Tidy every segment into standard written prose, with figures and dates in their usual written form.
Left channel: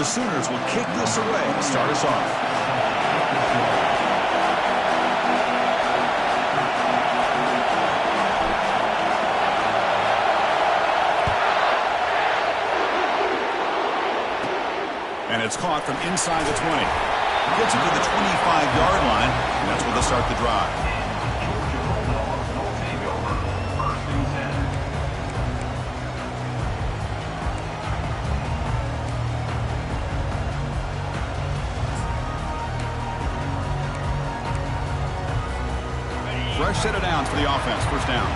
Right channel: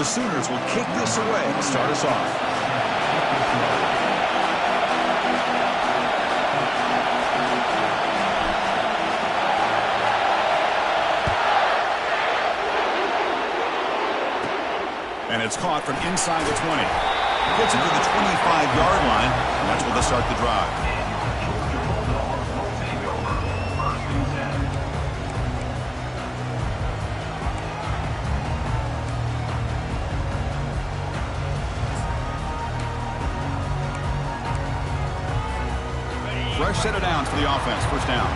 The Sooners will kick this away to start us off. And it's caught from inside the 20. Gets it to the 25-yard line, and that's where they start the drive. Fresh set of downs for the offense. First down.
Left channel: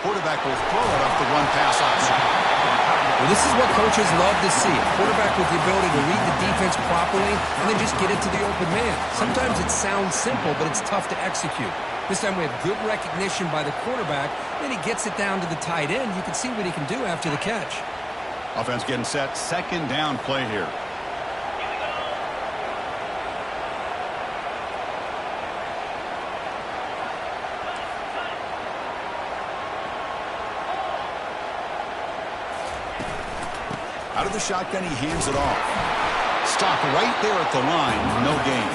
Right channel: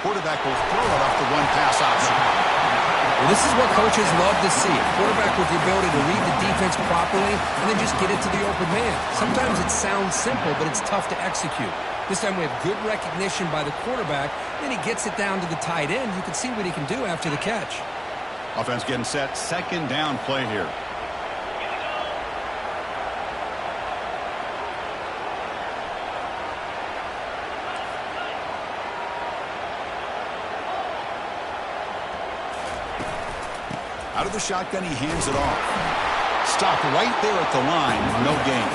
Quarterback will throw it off the one-pass option. Well, this is what coaches love to see. A quarterback with the ability to read the defense properly and then just get it to the open man. Sometimes it sounds simple, but it's tough to execute. This time we have good recognition by the quarterback. Then he gets it down to the tight end. You can see what he can do after the catch. Offense getting set. Second down play here. Out of the shotgun, he hands it off. Stop right there at the line. No gain.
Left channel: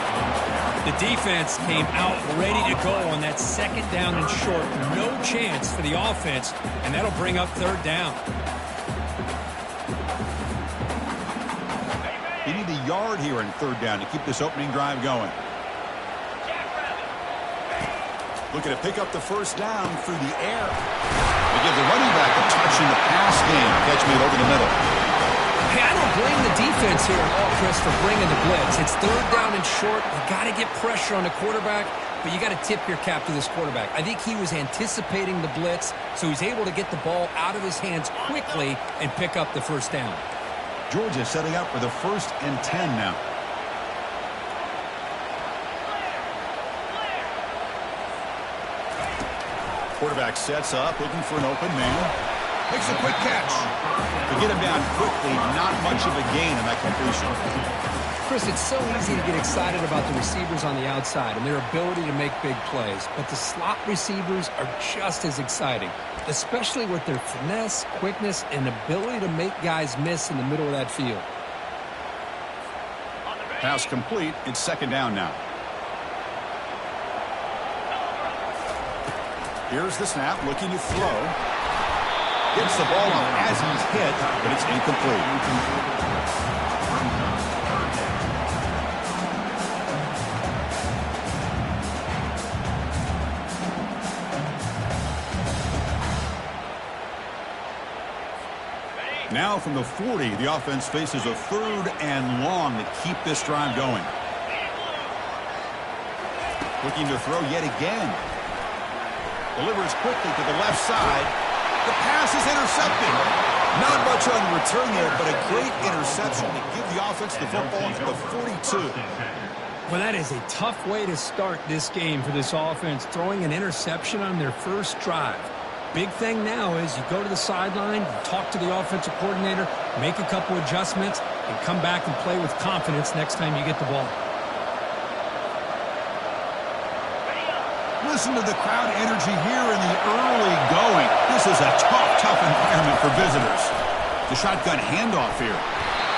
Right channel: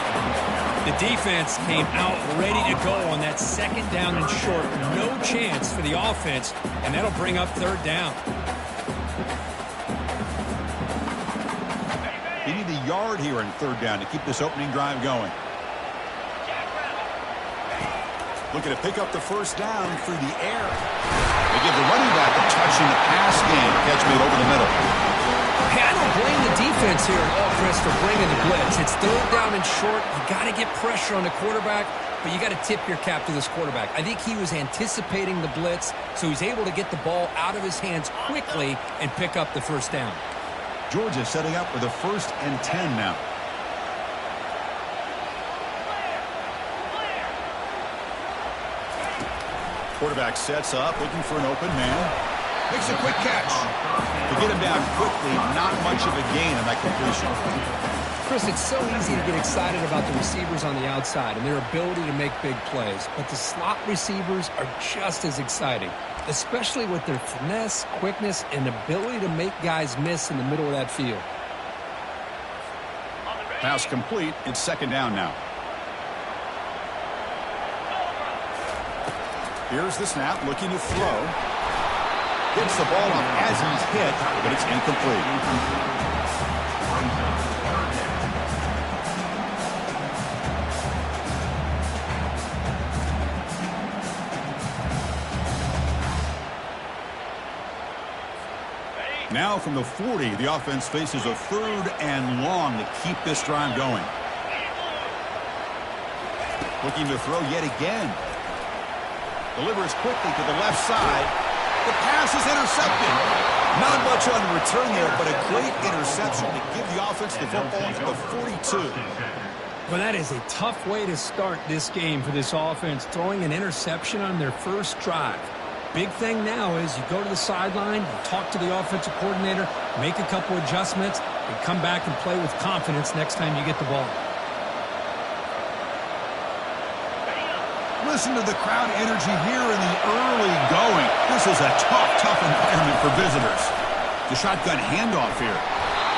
The defense came out ready to go on that second down and short. No chance for the offense, and that'll bring up third down. They need a yard here in third down to keep this opening drive going. Looking to pick up the first down through the air. They give the running back a touch in the pass game. Catch made over the middle. Hey, I don't blame the defense here at all, Chris, for bringing the blitz. It's third down and short. You got to get pressure on the quarterback, but you got to tip your cap to this quarterback. I think he was anticipating the blitz, so he's able to get the ball out of his hands quickly and pick up the first down. Georgia setting up for the 1st and 10 now. Quarterback sets up, looking for an open man. Makes a quick catch. To get him down quickly, not much of a gain on that completion. Chris, it's so easy to get excited about the receivers on the outside and their ability to make big plays, but the slot receivers are just as exciting, especially with their finesse, quickness, and ability to make guys miss in the middle of that field. Pass complete. It's second down now. Here's the snap, looking to throw. Gets the ball off as he's hit, but it's incomplete. Now from the 40, the offense faces a 3rd and long to keep this drive going. Looking to throw yet again. Delivers quickly to the left side. The pass is intercepted. Not much on the return there, but a great interception to give the offense the football at the 42. Well, that is a tough way to start this game for this offense, throwing an interception on their first drive. Big thing now is you go to the sideline, you talk to the offensive coordinator, make a couple adjustments, and come back and play with confidence next time you get the ball. Listen to the crowd energy here in the early going. This is a tough environment for visitors. The shotgun handoff here.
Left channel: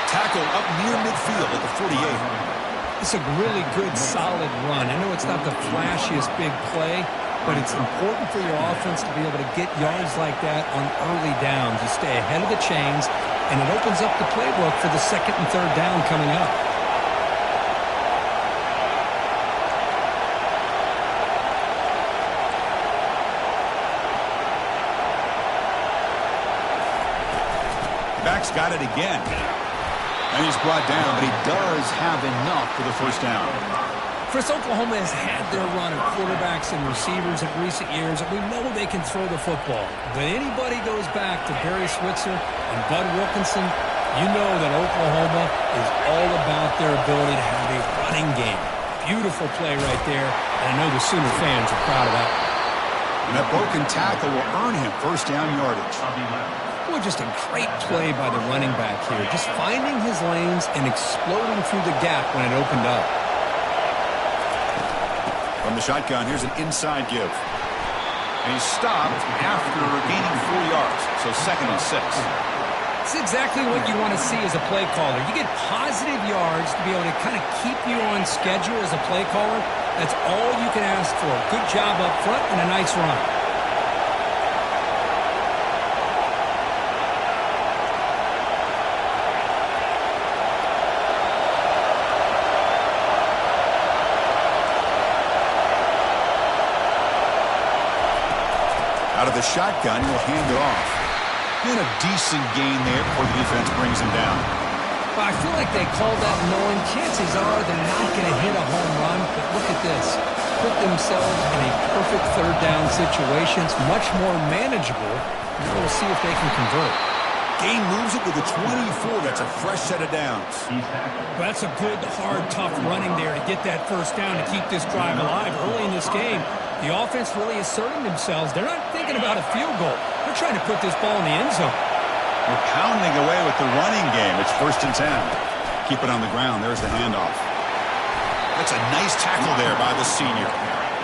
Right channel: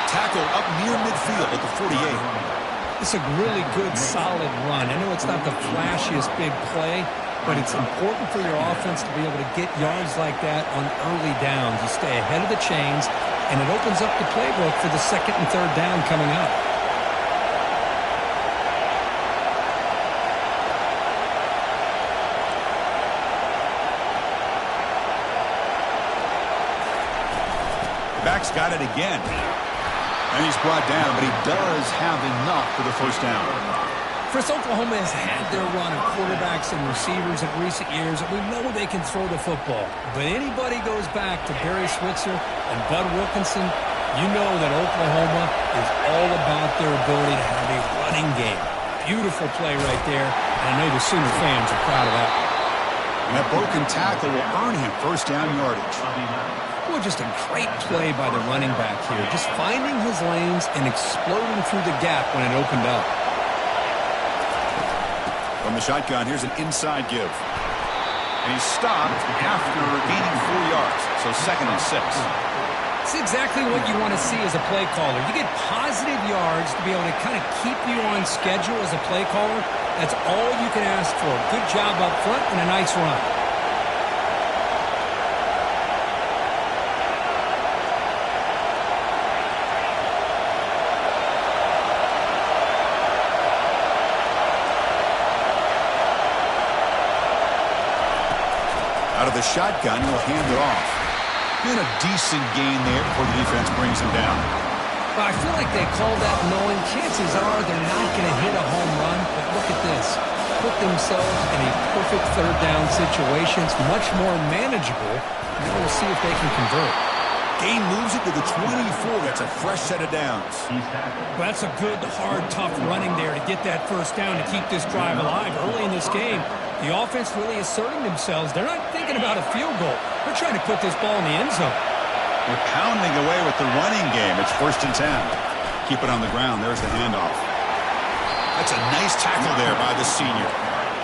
Tackle up near midfield at the 48. It's a really good, solid run. I know it's not the flashiest big play, but it's important for your offense to be able to get yards like that on early downs. You stay ahead of the chains, and it opens up the playbook for the second and third down coming up. Back's got it again. And he's brought down, but he does have enough for the first down. Chris, Oklahoma has had their run of quarterbacks and receivers in recent years, and we know they can throw the football. But anybody goes back to Barry Switzer and Bud Wilkinson, you know that Oklahoma is all about their ability to have a running game. Beautiful play right there, and I know the Sooner fans are proud of that. And that broken tackle will earn him first down yardage. Well, just a great play by the running back here. Just finding his lanes and exploding through the gap when it opened up. From the shotgun, here's an inside give. And he's stopped after gaining 4 yards. So 2nd and 6. It's exactly what you want to see as a play caller. You get positive yards to be able to kind of keep you on schedule as a play caller. That's all you can ask for. Good job up front and a nice run. Out of the shotgun, he'll hand it off. And a decent gain there before the defense brings him down. Well, I feel like they called that knowing chances are they're not going to hit a home run. But look at this. Put themselves in a perfect 3rd down situation. It's much more manageable. Now we'll see if they can convert. Gain moves it to the 24. That's a fresh set of downs. Well, that's a good, hard, tough running there to get that 1st down to keep this drive alive. Early in this game, the offense really asserting themselves. They're not thinking about a field goal. They're trying to put this ball in the end zone. We're pounding away with the running game. It's 1st and 10. Keep it on the ground. There's the handoff. That's a nice tackle there by the senior.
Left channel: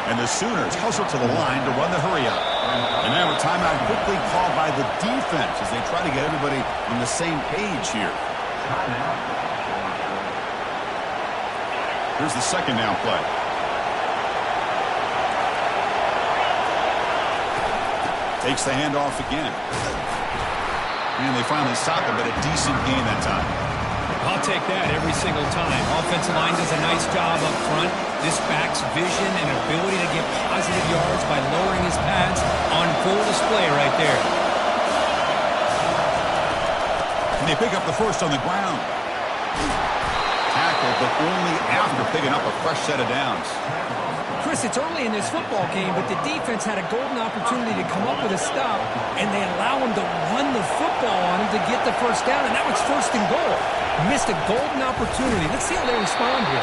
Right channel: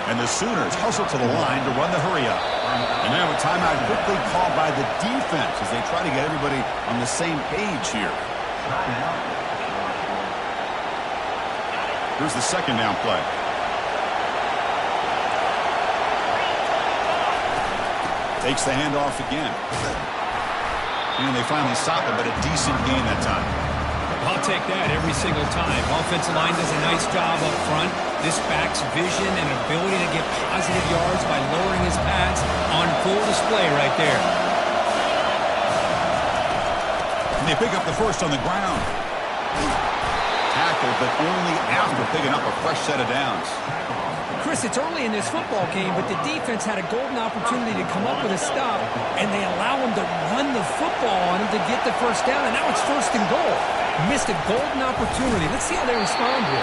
And the Sooners hustle to the line to run the hurry-up. And now a timeout quickly called by the defense as they try to get everybody on the same page here. Here's the 2nd down play. Takes the handoff again. And they finally stop him, but a decent gain that time. I'll take that every single time. Offensive line does a nice job up front. This back's vision and ability to get positive yards by lowering his pads on full display right there. And they pick up the 1st on the ground. Tackled, but only after picking up a fresh set of downs. Chris, it's early in this football game, but the defense had a golden opportunity to come up with a stop, and they allow him to run the football on him to get the 1st down, and now it's 1st and goal. Missed a golden opportunity. Let's see how they respond here.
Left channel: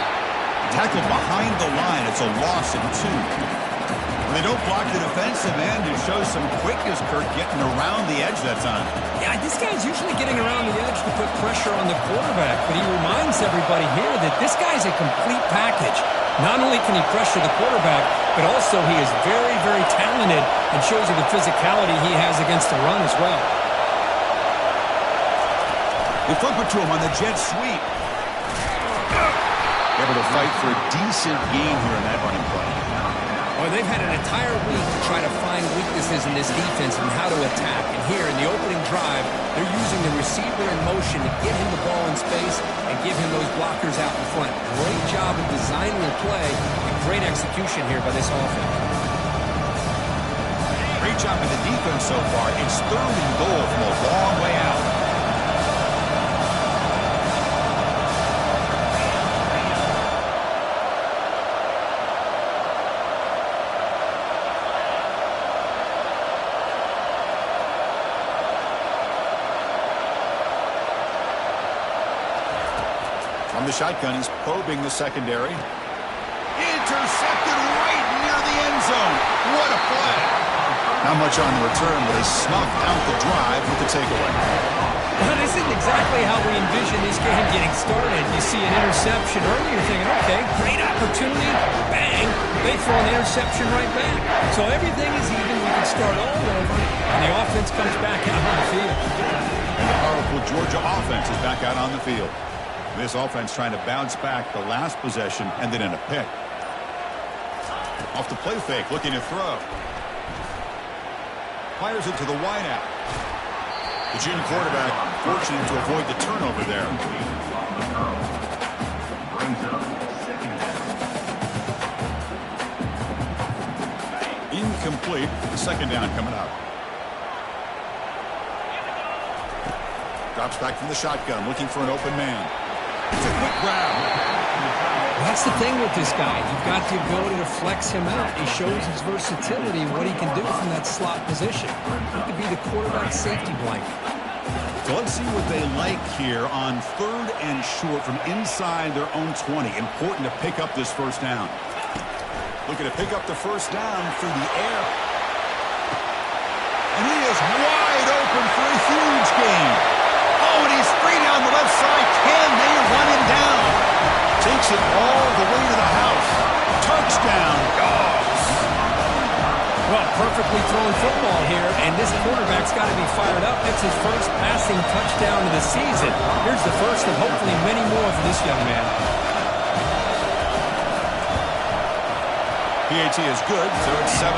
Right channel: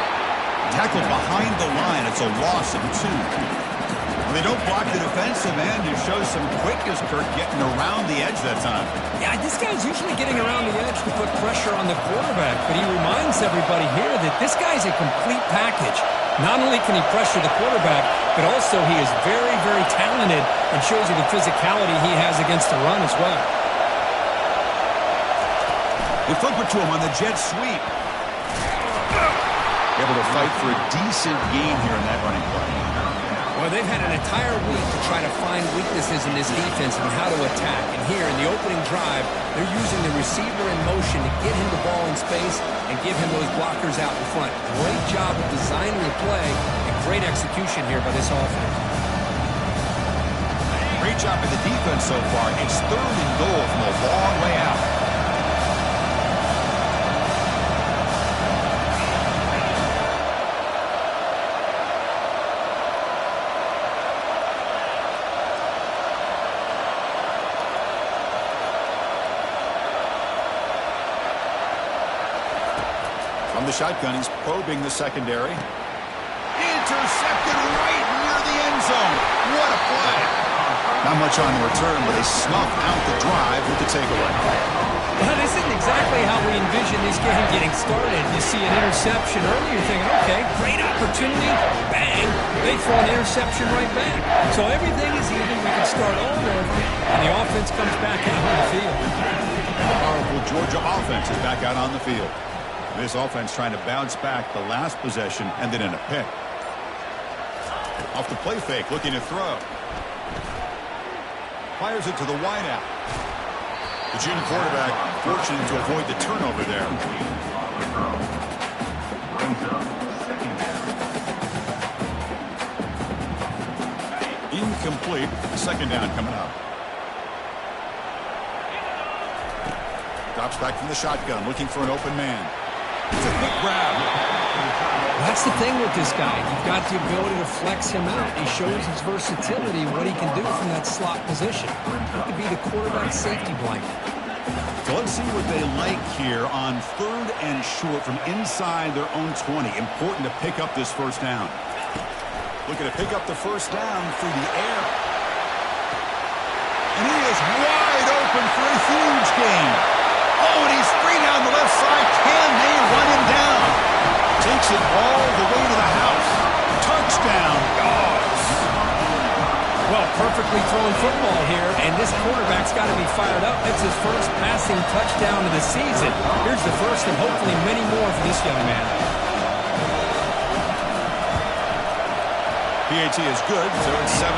Tackled behind the line. It's a loss of 2. When they don't block the defensive end, it shows some quickness, Kurt, getting around the edge that time. Yeah, this guy's usually getting around the edge to put pressure on the quarterback, but he reminds everybody here that this guy's a complete package. Not only can he pressure the quarterback, but also he is very, very talented and shows you the physicality he has against the run as well. They flip it to him on the jet sweep. Able to fight for a decent gain here in that running play. Well, they've had an entire week to try to find weaknesses in this defense and how to attack. And here in the opening drive, they're using the receiver in motion to get him the ball in space and give him those blockers out in front. Great job of designing the play and great execution here by this offense. Great job by the defense so far. It's 3rd and goal from a long way out. From the shotgun, he's probing the secondary. Intercepted right near the end zone. What a play. Not much on the return, but they snuffed out the drive with the takeaway. Well, this isn't exactly how we envision this game getting started. You see an interception early, you're thinking, okay, great opportunity. Bang. They throw an interception right back. So everything is even. We can start all over, and the offense comes back out on the field. And the powerful Georgia offense is back out on the field. This offense trying to bounce back the last possession, ended in a pick. Off the play fake, looking to throw. Fires it to the wideout. The junior quarterback fortunate to avoid the turnover there. Incomplete. The 2nd down coming up. Drops back from the shotgun, looking for an open man. It's a quick grab. That's the thing with this guy. You've got the ability to flex him out. He shows his versatility, what he can do from that slot position. He could be the quarterback safety blanket. So let's see what they like here on 3rd and short from inside their own 20. Important to pick up this 1st down. Looking to pick up the 1st down through the air. And he is wide open for a huge gain. Oh, and he's free down the left side. Can they run him down? Takes it all the way to the house. Touchdown, Dogs. Well, perfectly thrown football here, and this quarterback's got to be fired up. It's his first passing touchdown of the season. Here's the first of hopefully many more for this young man. PAT is good, so it's 7-0.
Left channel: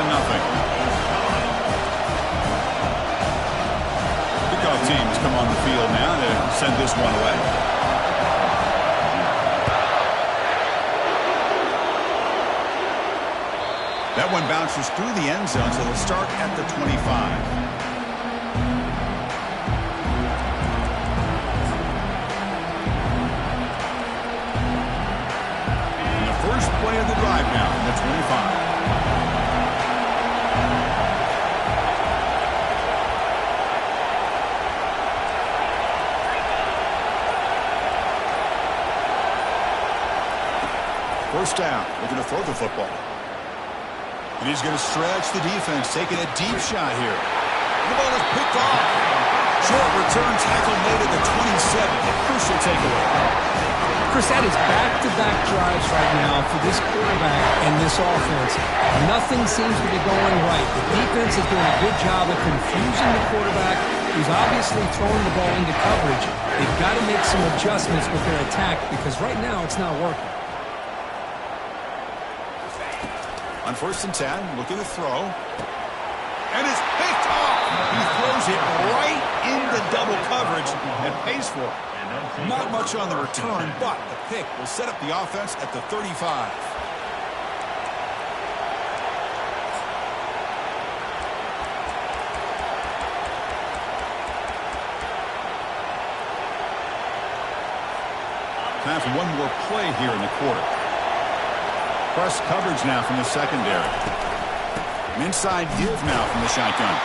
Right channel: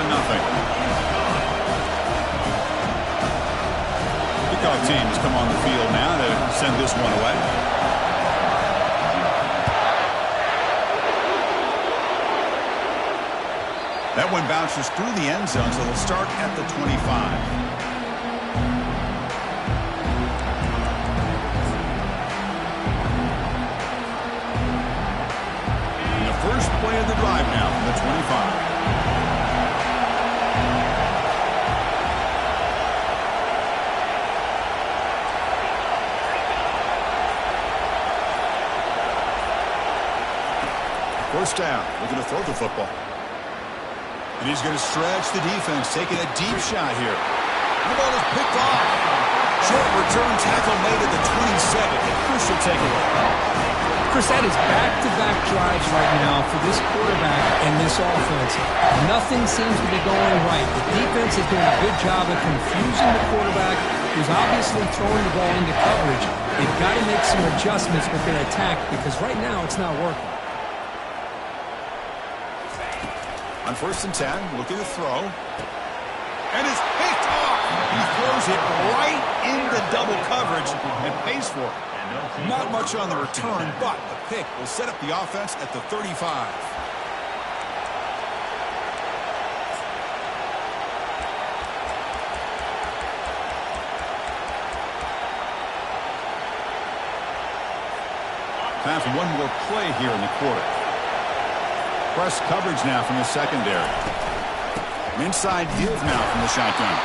Kickoff team has come on the field now to send this one away. That one bounces through the end zone, so they'll start at the 25. And the first play of the drive now from the 25. First down, looking to throw the football. And he's going to stretch the defense, taking a deep shot here. And the ball is picked off. Short return tackle made at the 27. A crucial takeaway. Chris, that is back-to-back drives right now for this quarterback and this offense. Nothing seems to be going right. The defense is doing a good job of confusing the quarterback, who's obviously throwing the ball into coverage. They've got to make some adjustments with their attack because right now it's not working. On 1st and 10, looking to throw. And it's picked off. He throws it right into double coverage and pays for it. Not much on the return, but the pick will set up the offense at the 35. Time for one more play here in the quarter. Press coverage now from the secondary. An inside give now from the shotgun.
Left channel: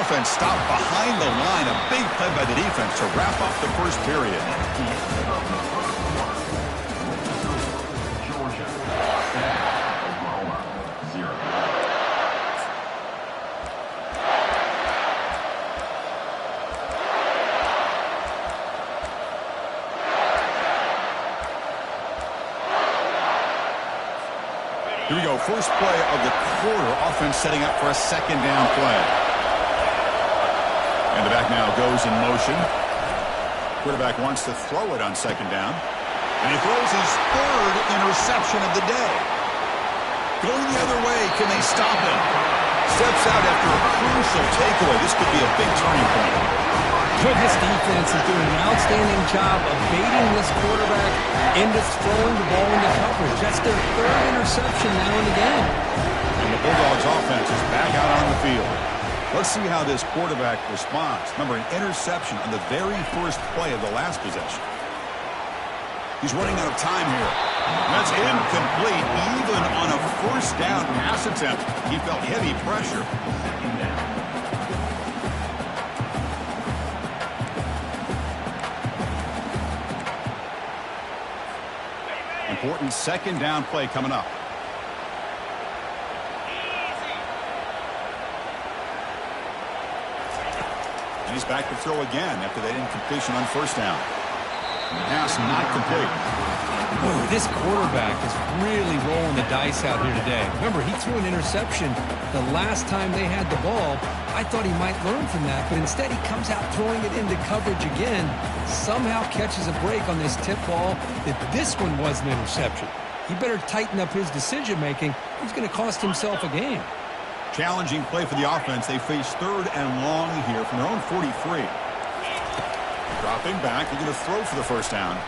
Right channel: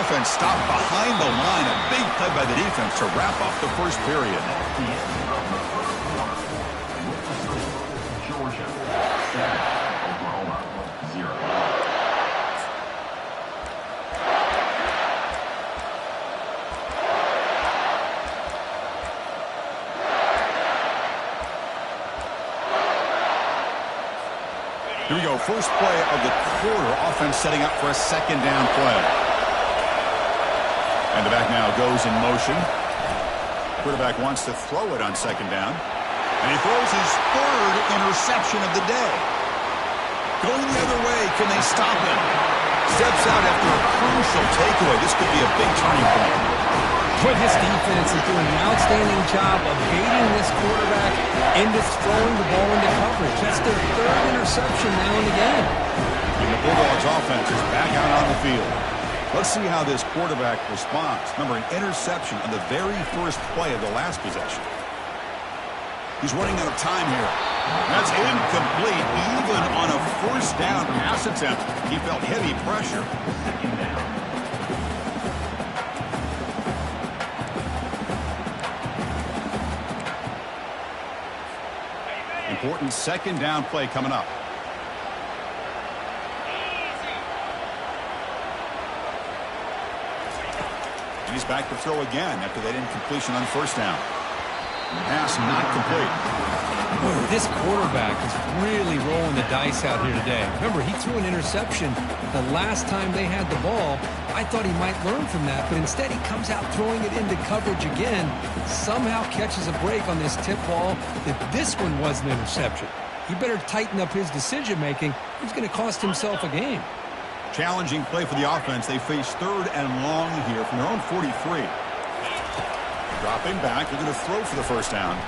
Offense stopped behind the line. A big play by the defense to wrap up the first period. Georgia, 7, Oklahoma, 0. Here we go. First play of the quarter. Offense setting up for a second down play. And the back now goes in motion. Quarterback wants to throw it on second down. And he throws his third interception of the day. Going the other way. Can they stop him? Steps out after a crucial takeaway. This could be a big turning point. But this defense is doing an outstanding job of baiting this quarterback into throwing the ball into coverage. That's their third interception now in the game. And the Bulldogs offense is back out on the field. Let's see how this quarterback responds. Remember, an interception on the very first play of the last possession. He's running out of time here. That's incomplete. Even on a first down pass attempt, he felt heavy pressure. Second down. Important second down play coming up. And he's back to throw again after that incompletion on first down. Pass not complete. Boy, this quarterback is really rolling the dice out here today. Remember, he threw an interception the last time they had the ball. I thought he might learn from that, but instead he comes out throwing it into coverage again. Somehow catches a break on this tip ball that this one was an interception. He better tighten up his decision-making. He's going to cost himself a game. Challenging play for the offense. They face third and long here from their own 43. Dropping back. They're going to throw for the first down.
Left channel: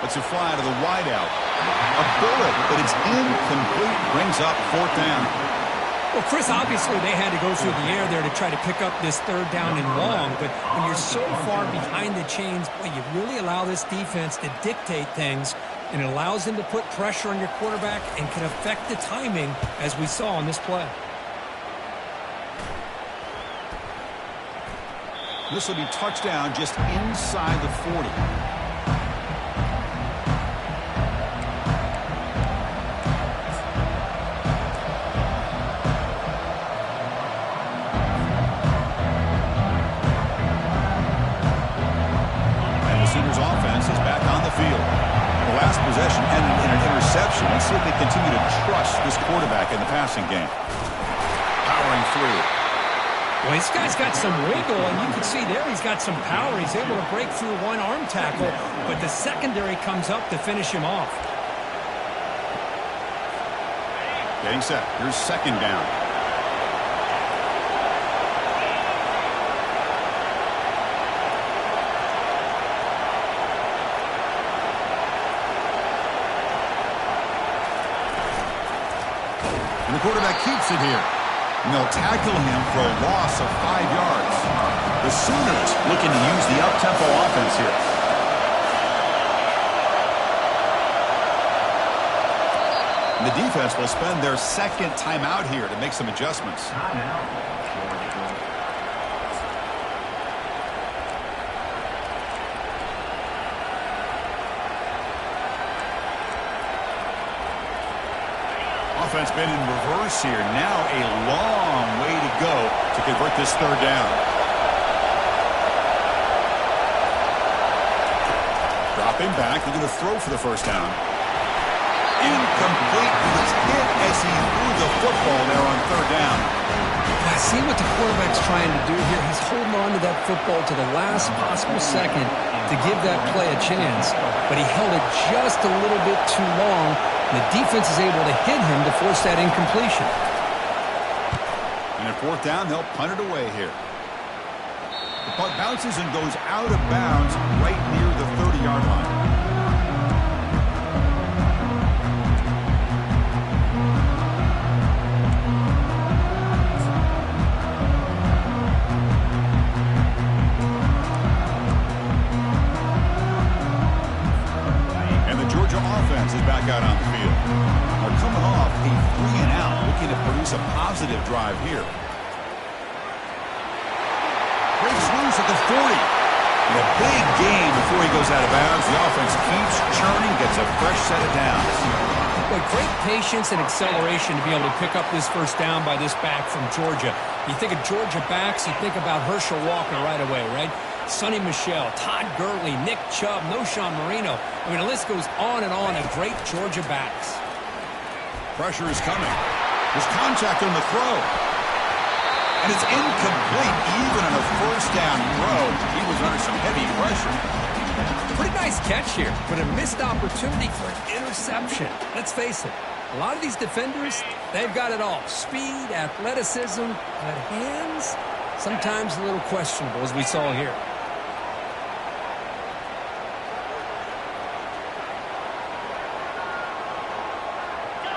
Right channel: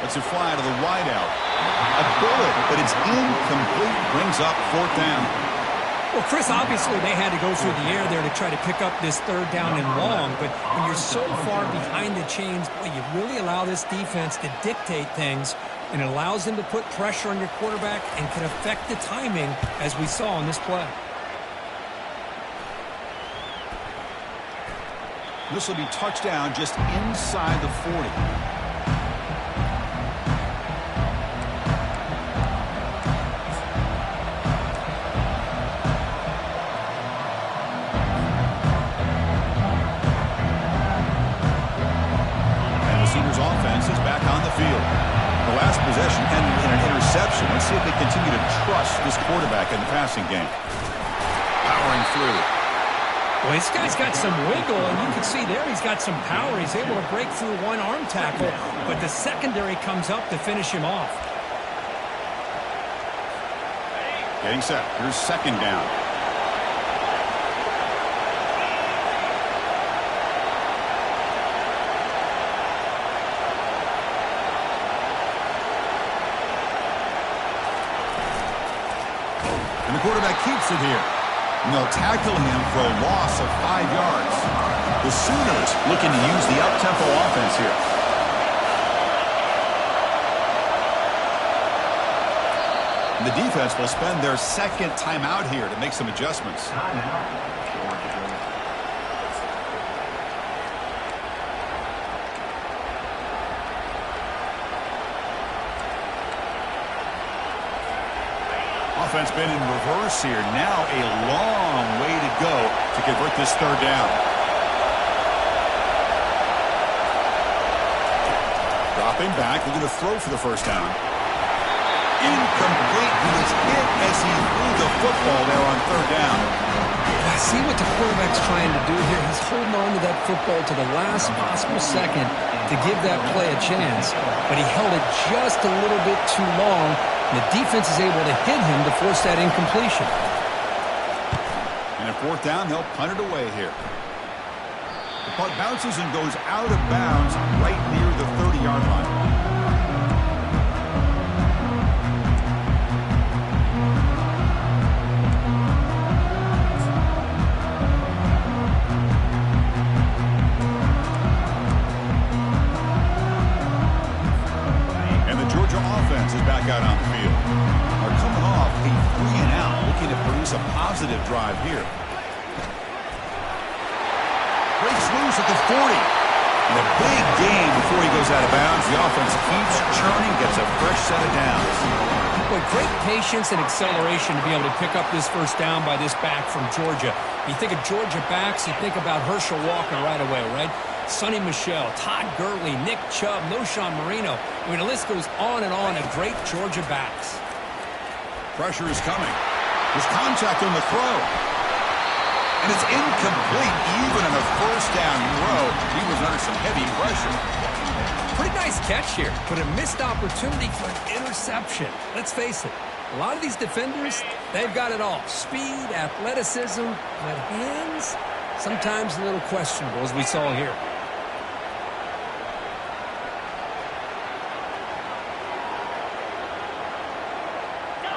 Lets it fly to the wideout. A bullet, but it's incomplete. Brings up fourth down. Well, Chris, obviously they had to go through the air there to try to pick up this third down and long, but when you're so far behind the chains, boy, you really allow this defense to dictate things, and it allows them to put pressure on your quarterback and can affect the timing, as we saw on this play. This will be touchdown just inside the 40. Sooners offense is back on the field. The last possession ended in an interception. Let's see if they continue to trust this quarterback in the passing game. powering through. Well, this guy's got some wiggle, and you can see there he's got some power. He's able to break through one arm tackle, but the secondary comes up to finish him off. Getting set. Here's second down. And the quarterback keeps it here. And they'll tackle him for a loss of 5 yards. The Sooners looking to use the up-tempo offense here. And the defense will spend their second timeout here to make some adjustments. Timeout, Georgia. Offense been in reverse here. Now a long way to go to convert this third down. Dropping back, looking to throw for the first down. Incomplete. He was hit as he threw the football there on third down. I see what the quarterback's trying to do here. He's holding on to that football to the last possible second to give that play a chance, but he held it just a little bit too long. The defense is able to hit him to force that incompletion. And at fourth down, they'll punt it away here. The punt bounces and goes out of bounds right near the 30-yard line. Offense is back out on the field. Are coming off a 3-and-out, looking to produce a positive drive here. Breaks loose at the 40. And a big gain before he goes out of bounds. The offense keeps churning, gets a fresh set of downs. Boy, great patience and acceleration to be able to pick up this first down by this back from Georgia. You think of Georgia backs, you think about Herschel Walker right away, right? Sonny Michel, Todd Gurley, Nick Chubb, Noshawn Marino. I mean, the list goes on and on of great Georgia backs. Pressure is coming. There's contact on the throw. And it's incomplete. Even on a first down throw, he was under some heavy pressure. Pretty nice catch here, but a missed opportunity for an interception. Let's face it, a lot of these defenders, they've got it all. Speed, athleticism, but hands, sometimes a little questionable, as we saw here.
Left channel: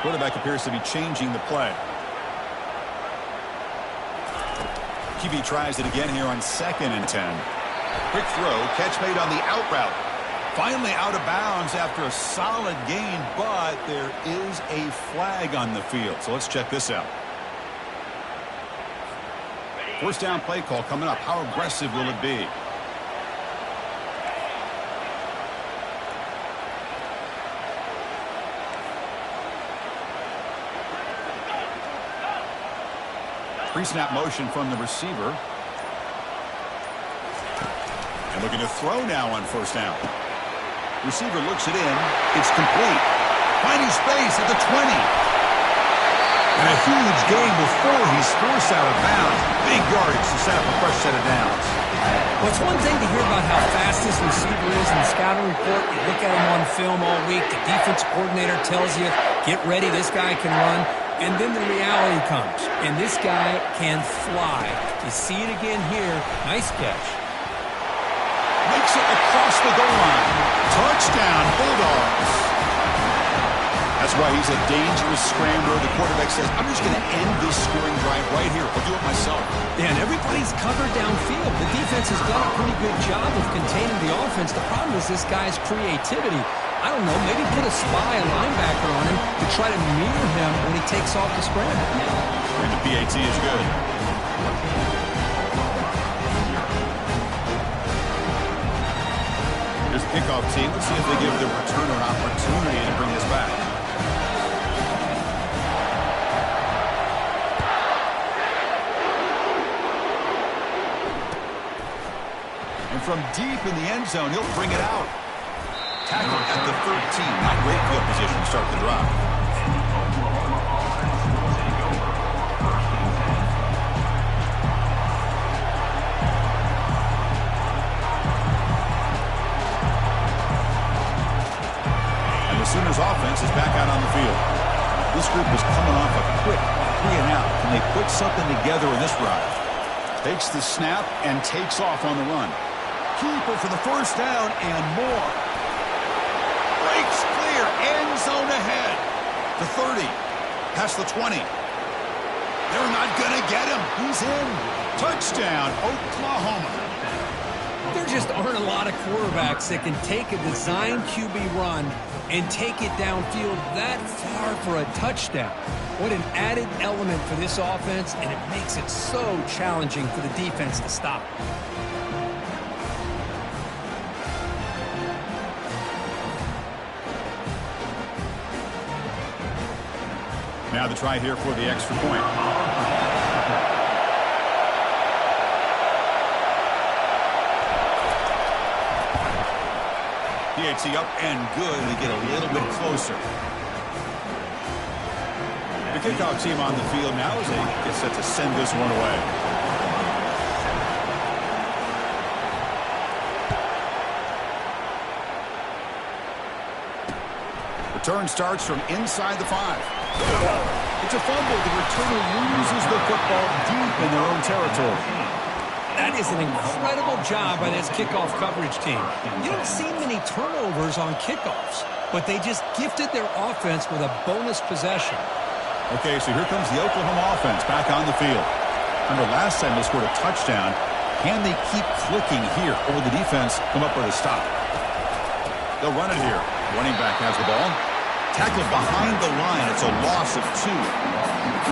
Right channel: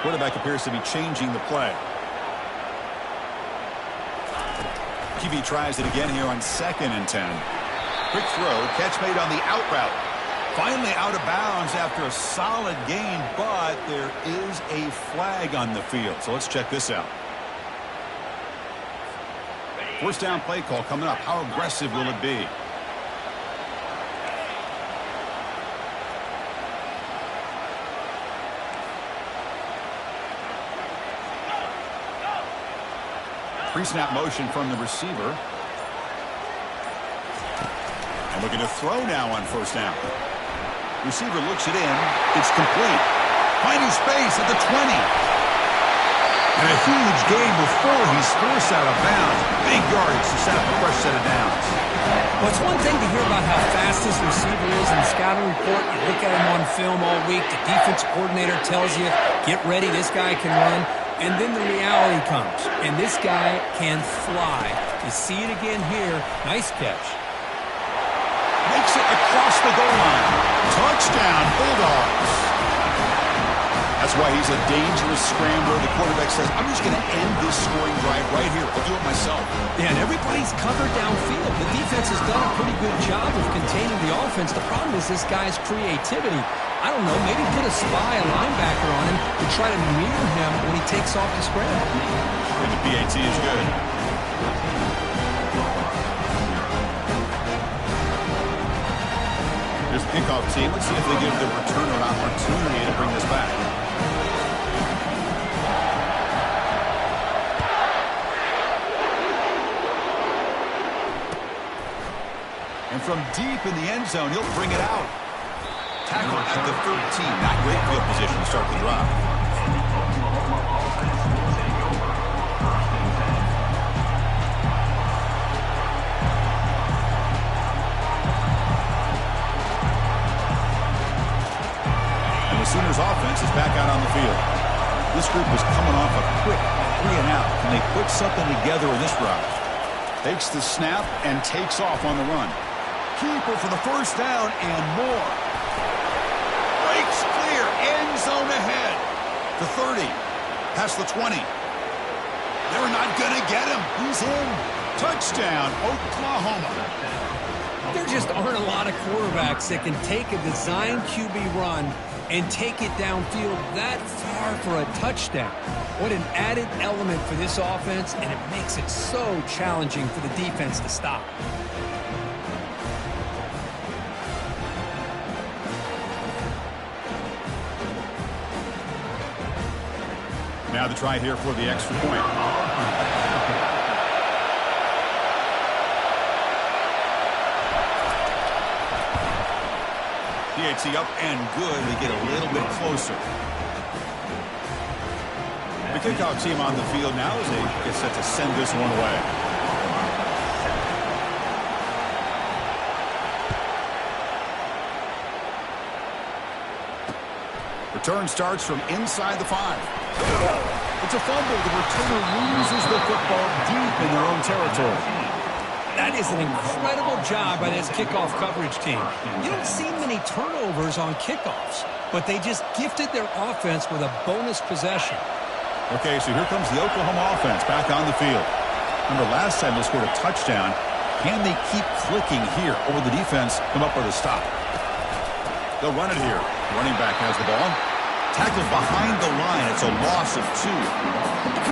Quarterback appears to be changing the play. QB tries it again here on 2nd and 10. Quick throw, catch made on the out route. Finally out of bounds after a solid gain, but there is a flag on the field. So let's check this out. First down play call coming up. How aggressive will it be? Pre-snap motion from the receiver. And looking to throw now on first down. Receiver looks it in. It's complete. Finding space at the 20. And a huge gain before he's forced out of bounds. Big yardage to set up a fresh set of downs. Well, it's one thing to hear about how fast this receiver is in the scouting report. You look at him on film all week. The defense coordinator tells you, get ready, this guy can run. And then the reality comes, and this guy can fly. You see it again here. Nice catch. Makes it across the goal line. Touchdown, Bulldogs. That's why he's a dangerous scrambler. The quarterback says, I'm just going to end this scoring drive right here. I'll do it myself. Yeah, and everybody's covered downfield. The defense has done a pretty good job of containing the offense. The problem is this guy's creativity. I don't know, maybe put a spy, a linebacker on him to try to mirror him when he takes off the scramble. And the PAT is good. Here's the kickoff team. Let's see if they give the returner an opportunity to bring this back. And from deep in the end zone, he'll bring it out. Tackle at the 13. Not great field position to start the drive. Sooners offense is back out on the field. This group is coming off a quick 3-and-out. Can they put something together in this drive? Takes the snap and takes off on the run. Keeper for the first down and more. Breaks clear. End zone ahead. The 30. Past the 20. They're not going to get him. He's in. Touchdown, Oklahoma. There just aren't a lot of quarterbacks that can take a design QB run and take it downfield that far for a touchdown. What an added element for this offense, and it makes it so challenging for the defense to stop. Now the try here for the extra point. PAT up and good. They get a little bit closer. The kickoff team on the field now as they get set to send this one away. Return starts from inside the 5. It's a fumble. The returner loses the football deep in their own territory. That is an incredible job by this kickoff coverage team. You don't see many turnovers on kickoffs, but they just gifted their offense with a bonus possession. Okay, so here comes the Oklahoma offense back on the field. Remember, last time they scored a touchdown. Can they keep clicking here, or will the defense come up with a stop? They'll run it here. Running back has the ball. Tackled behind the line. It's a loss of 2.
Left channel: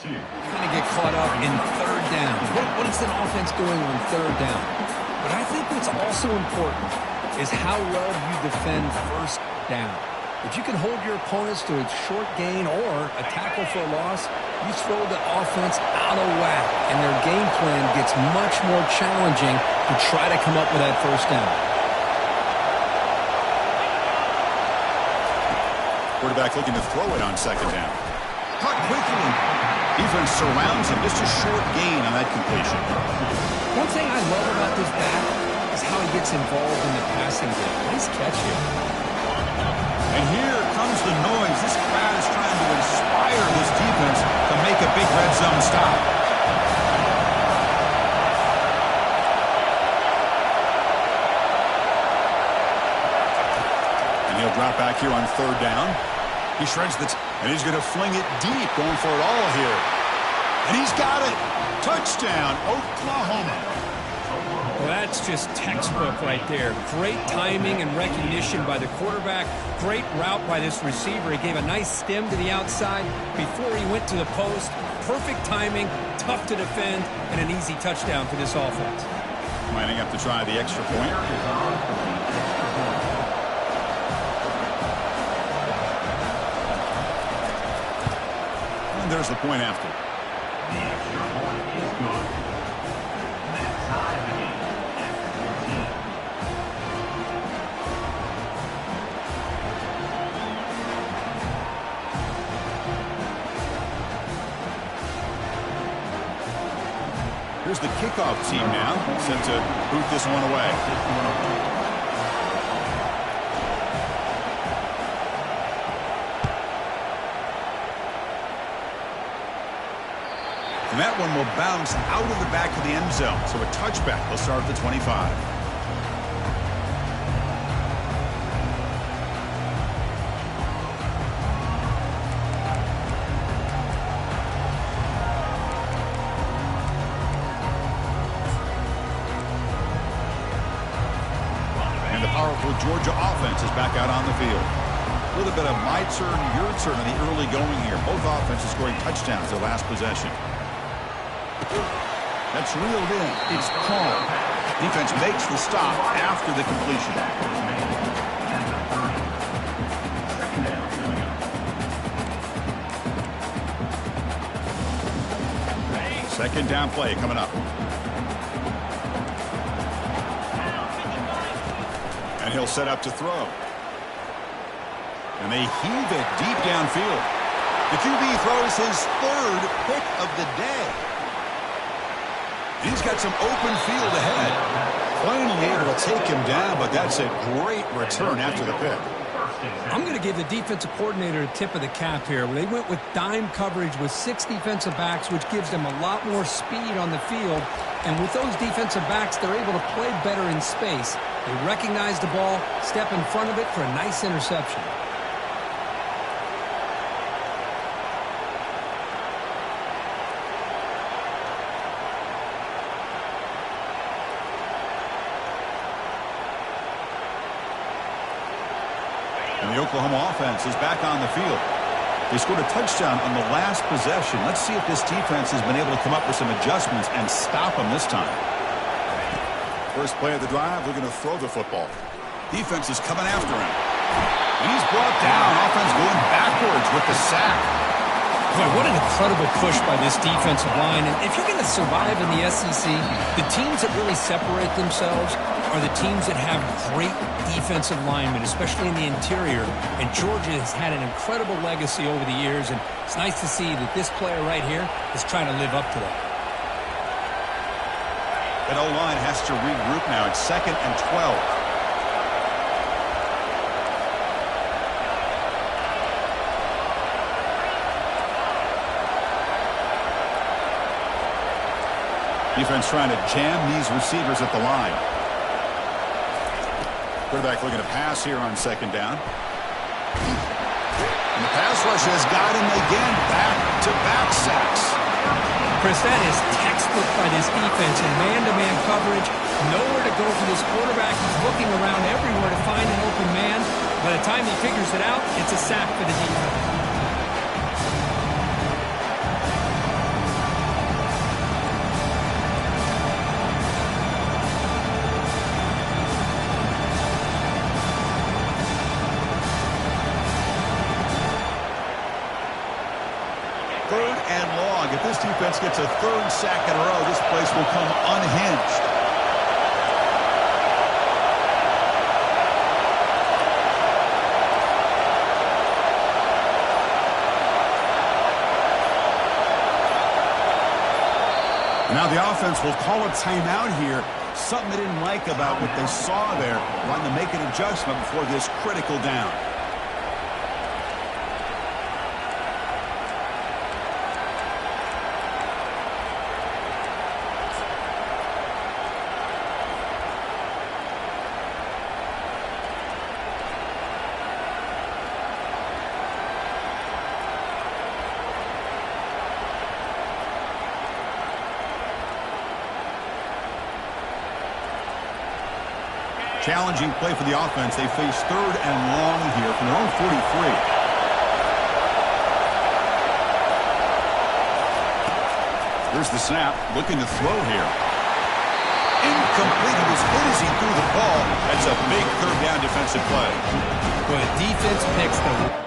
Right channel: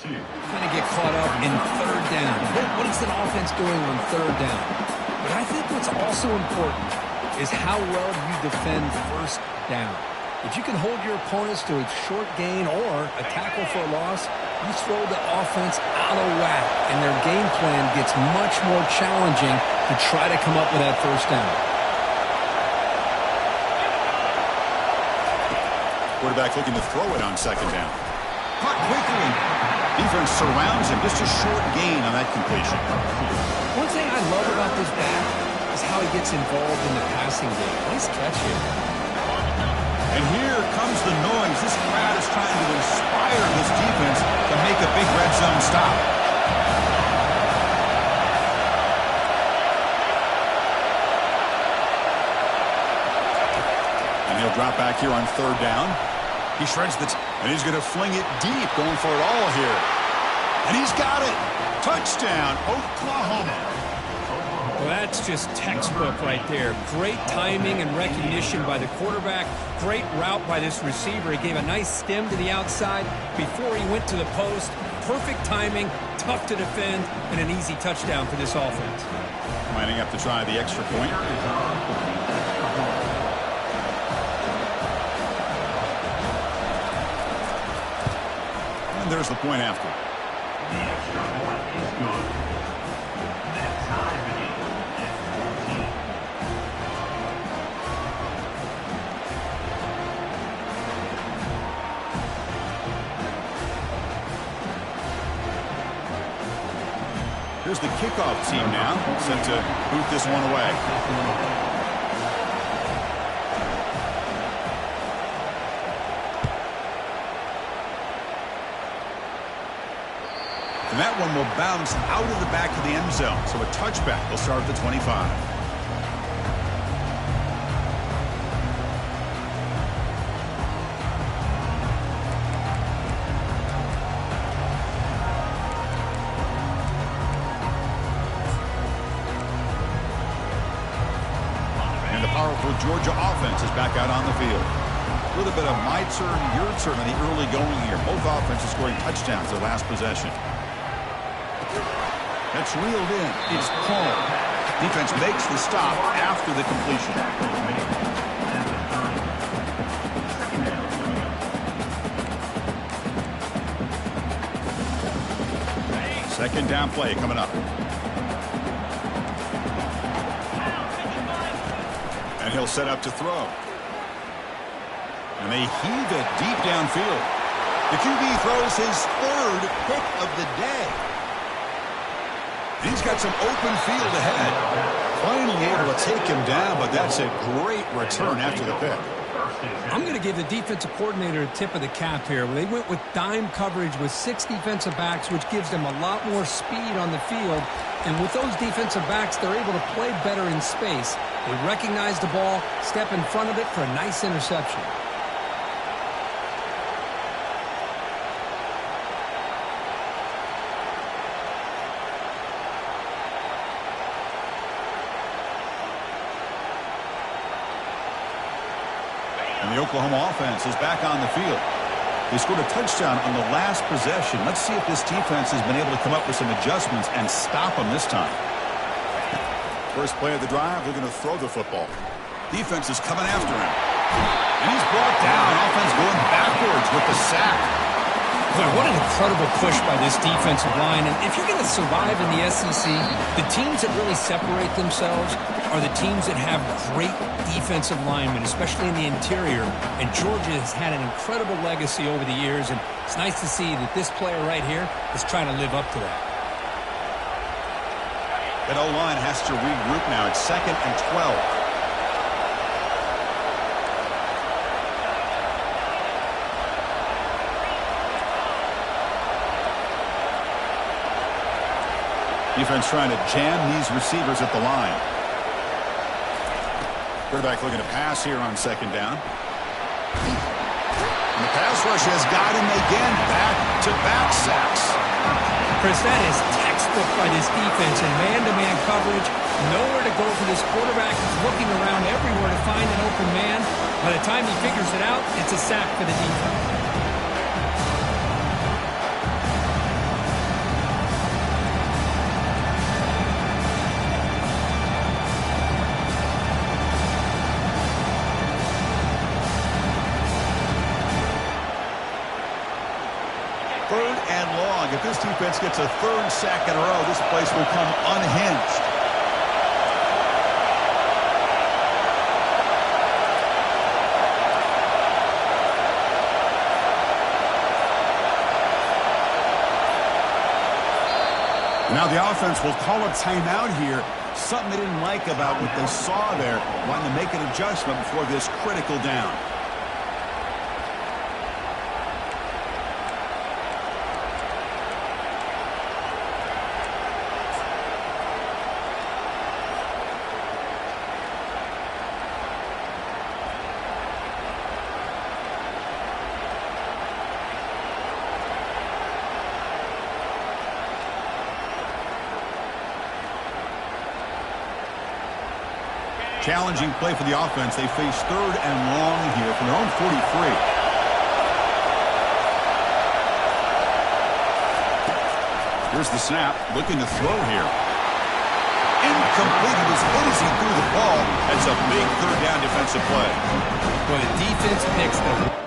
Kind of get caught up in third down. What is an offense doing on third down? But I think what's also important is how well you defend first down. If you can hold your opponents to a short gain or a tackle for a loss, you throw the offense out of whack, and their game plan gets much more challenging to try to come up with that first down. Quarterback looking to throw it on second down. Caught quickly. Defense surrounds him. Just a short gain on that completion. One thing I love about this back is how he gets involved in the passing game. Nice catch here. And here comes the noise. This crowd is trying to inspire this defense to make a big red zone stop. And he'll drop back here on third down. He shreds the and he's going to fling it deep, going for it all here. And he's got it. Touchdown, Oklahoma. Well, that's just textbook right there. Great timing and recognition by the quarterback. Great route by this receiver. He gave a nice stem to the outside before he went to the post. Perfect timing, tough to defend, and an easy touchdown for this offense. Lining up to try the extra point. And there's the point after. The extra point is good. That tie the game at 14. Here's the kickoff team now, set to boot this one away. And that one will bounce out of the back of the end zone. So a touchback. They'll start at the 25. And the powerful Georgia offense is back out on the field. A little bit of my turn, your turn in the early going here. Both offenses scoring touchdowns their last possession. That's reeled in. It's Paul. Defense makes the stop after the completion. Tackle is made at the 30. Second down coming up. Second down play coming up. And he'll set up to throw. And they heave it deep downfield. The QB throws his third pick of the day. He's got some open field ahead. Finally able to take him down, but that's a great return after the pick. I'm going to give the defensive coordinator a tip of the cap here. They went with dime coverage with 6 defensive backs, which gives them a lot more speed on the field. And with those defensive backs, they're able to play better in space. They recognize the ball, step in front of it for a nice interception. And the Oklahoma offense is back on the field. They scored a touchdown on the last possession. Let's see if this defense has been able to come up with some adjustments and stop them this time. First play of the drive, looking to throw the football. Defense is coming after him. And he's brought down. Offense going backwards with the sack. Boy, what an incredible push by this defensive line. And if you're going to survive in the SEC, the teams that really separate themselves are the teams that have great defensive linemen, especially in the interior. And Georgia has had an incredible legacy over the years, and it's nice to see that this player right here is trying to live up to that. That O-line has to regroup now. It's 2nd and 12. Defense trying to jam these receivers at the line. Quarterback looking to pass here on 2nd down. And the pass rush has got him again. Back-to-back sacks. Chris, that is textbook by this defense in man-to-man coverage. Nowhere to go for this quarterback. He's looking around everywhere to find an open man. By the time he figures it out, it's a sack for the defense. Third and long. If this defense gets a 3rd sack in a row, this place will come unhinged. Now the offense will call a timeout here. Something they didn't like about what they saw there. Wanting to make an adjustment before this critical down. Challenging play for the offense. They face 3rd and long here from their own 43. Here's the snap. Looking to throw here. Incomplete. He was hit as he threw the ball. That's a big 3rd down defensive play. Well, the defense picks the...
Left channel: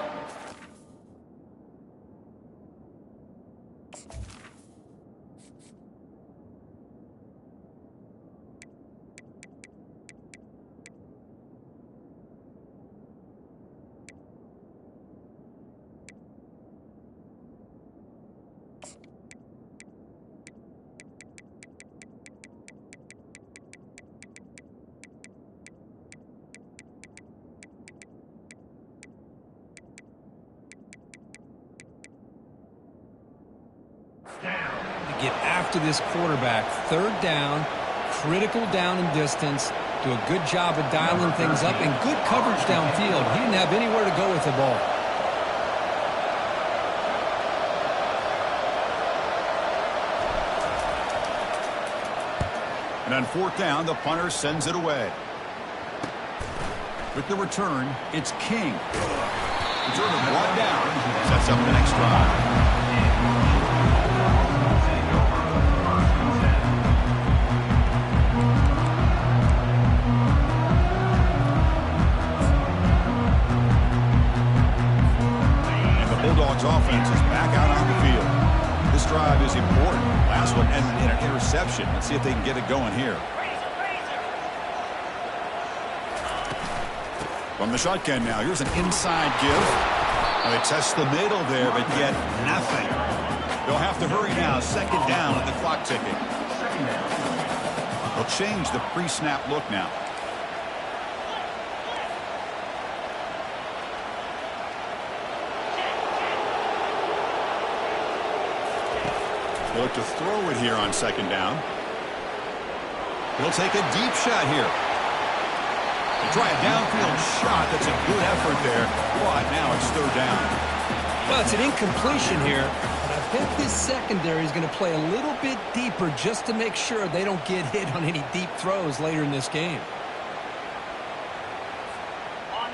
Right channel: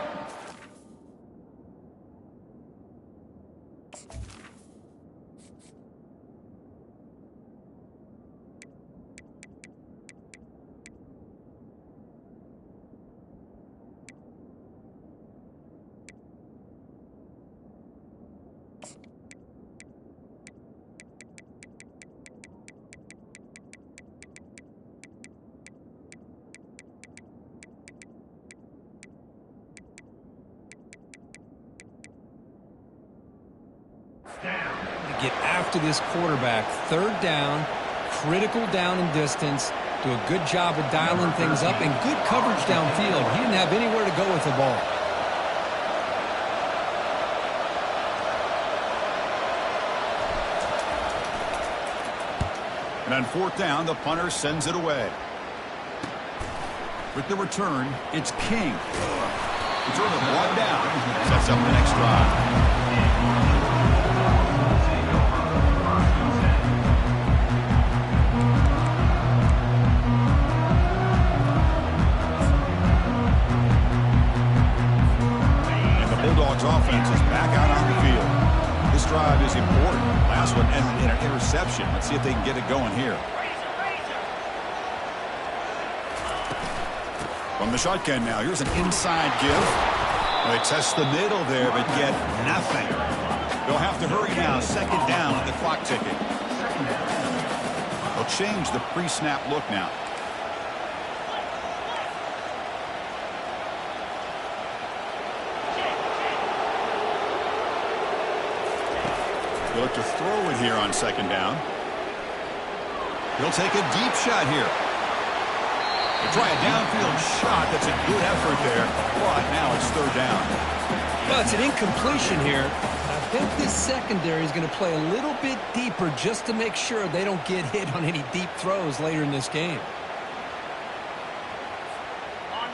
to get after this quarterback. 3rd down, critical down and distance. Do a good job of dialing things up and good coverage downfield. He didn't have anywhere to go with the ball. And on 4th down, the punter sends it away. With the return, it's King. Returner brought down. Sets up the next drive. offense is back out on the field. This drive is important. Last one ended in an interception. Let's see if they can get it going here. From the shotgun now, here's an inside give. Well, they test the middle there, but yet nothing. They'll have to hurry now. Second down with the clock ticking. They'll change the pre-snap look now. They look to throw it here on second down. He'll take a deep shot here. They try a downfield shot. That's a good effort there. But now it's third down. Well, it's an incompletion here. But I bet this secondary is going to play a little bit deeper just to make sure they don't get hit on any deep throws later in this game.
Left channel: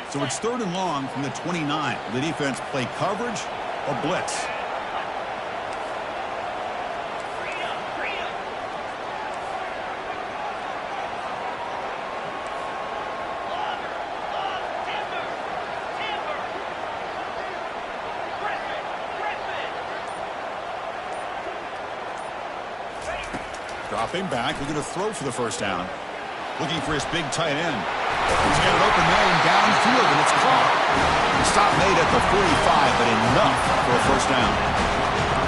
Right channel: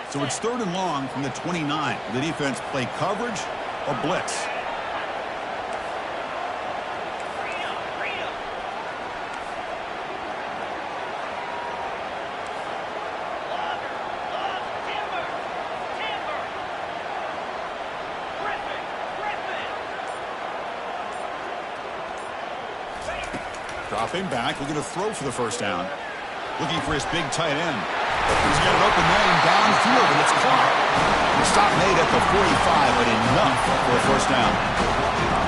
So it's third and long from the 29. Will the defense play coverage or blitz? Dropping back, looking to throw for the first down. Looking for his big tight end. He's got an open man downfield, and it's caught. The stop made at the 45, but enough for a first down.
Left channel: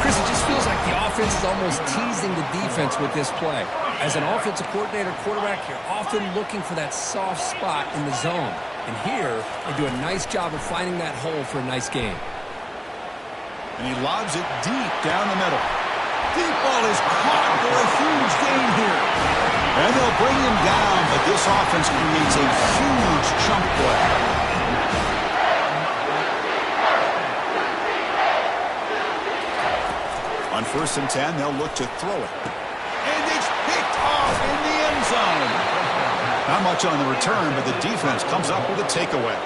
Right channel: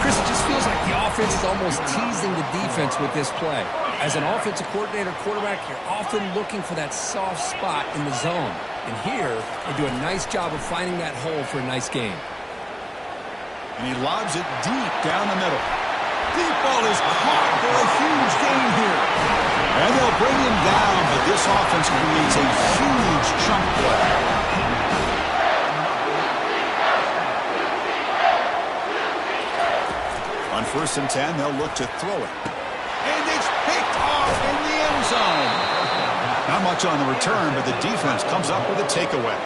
Chris, it just feels like the offense is almost teasing the defense with this play. As an offensive coordinator, quarterback, you're often looking for that soft spot in the zone. And here, they do a nice job of finding that hole for a nice gain. And he lobs it deep down the middle. Deep ball is caught for a huge gain here. And they'll bring him down, but this offense creates a huge chunk play. On 1st and 10, they'll look to throw it. And it's picked off in the end zone. Not much on the return, but the defense comes up with a takeaway.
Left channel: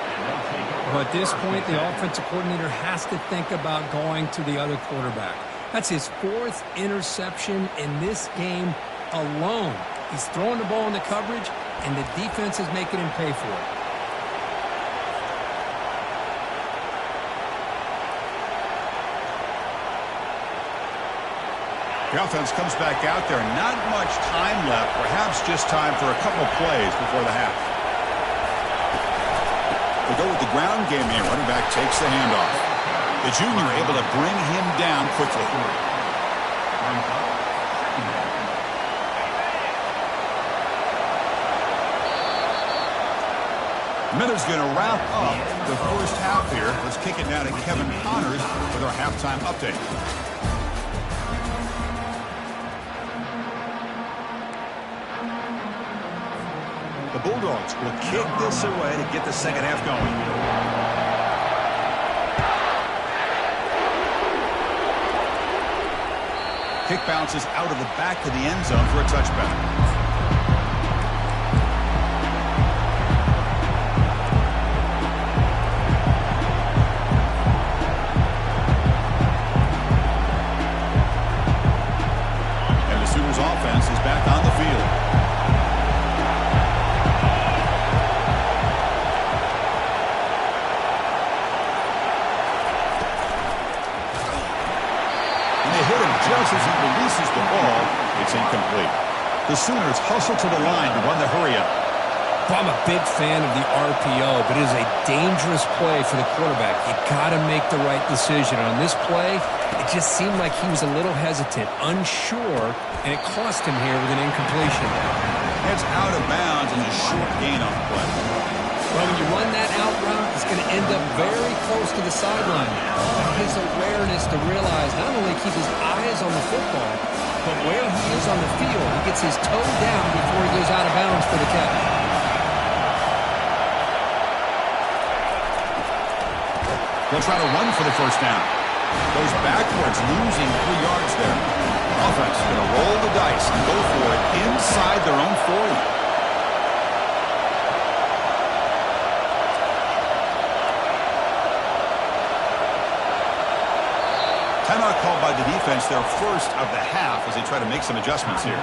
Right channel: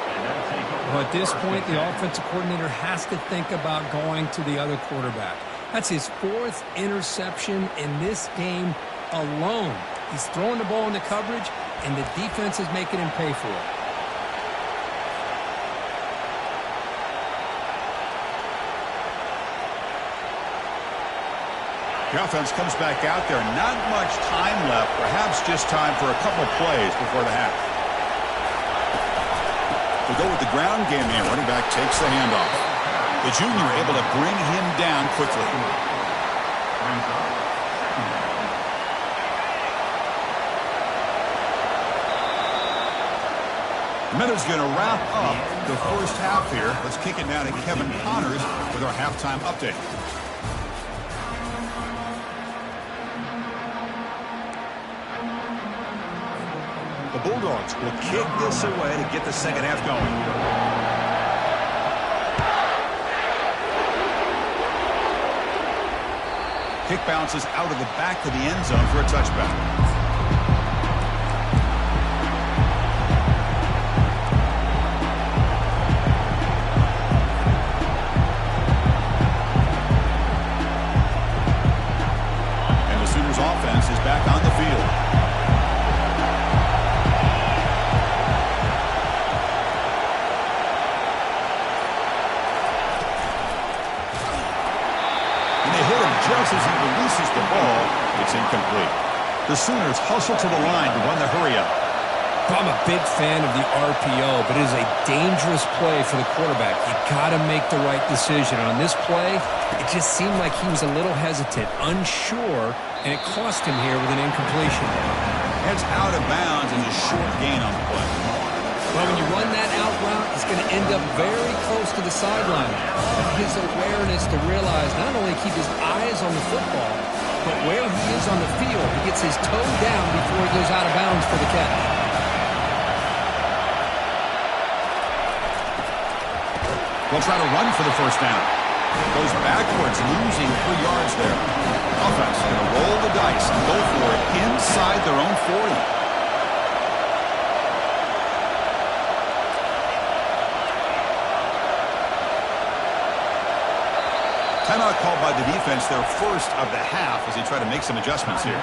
Well, at this point, the offensive coordinator has to think about going to the other quarterback. That's his 4th interception in this game alone. He's throwing the ball in the coverage, and the defense is making him pay for it. The offense comes back out there. Not much time left. Perhaps just time for a couple plays before the half. They'll go with the ground game here. Running back takes the handoff. The junior able to bring him down quickly. The minute's going to wrap up the first half here. Let's kick it now to Kevin Connors with our halftime update. The Bulldogs will kick this away to get the second half going. Kick bounces out of the back of the end zone for a touchback. And the Sooners offense is back on the field. Just as he releases the ball, it's incomplete. The Sooners hustle to the line to run the hurry-up. I'm a big fan of the RPO, but it is a dangerous play for the quarterback. You got to make the right decision. On this play, it just seemed like he was a little hesitant, unsure, and it cost him here with an incompletion. It's out of bounds and a short gain on the play. Well, when you run that out route, it's going to end up very close to the sideline. But his awareness to realize not only keep his eyes on the football, but where he is on the field, he gets his toe down before he goes out of bounds for the catch. They'll try to run for the first down. Goes backwards, losing 3 yards there. Offense going to roll the dice and go for it inside their own 40. Timeout called by the defense, their first of the half, as they try to make some adjustments here.